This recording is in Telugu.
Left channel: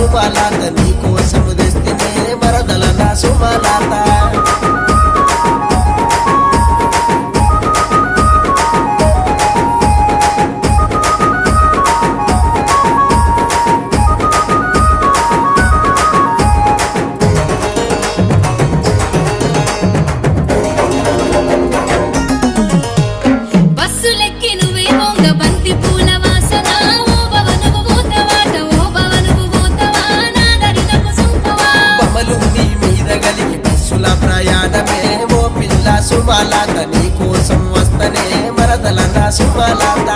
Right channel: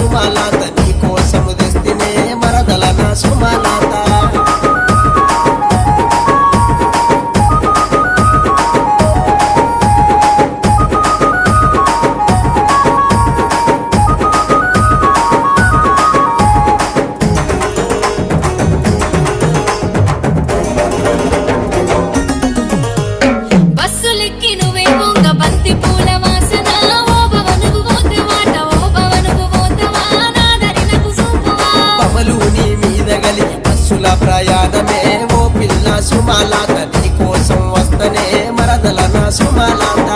సుమలాత నీ కోసము తెస్తినే మరదల నా సుమలాత బస్సులెక్కి నువ్వే వంగ బంతి పూల వాసన ఓ భవనుకు పోతవాట ఓ భవనుకు పోతవా నా దరి నాకు చూపవా బమలు నీ మీద గలిగి బస్సుల ప్రయాణమే ఓ పిల్ల సుమలాత నీ కోసం వస్తనే మరదల నా సుమలాత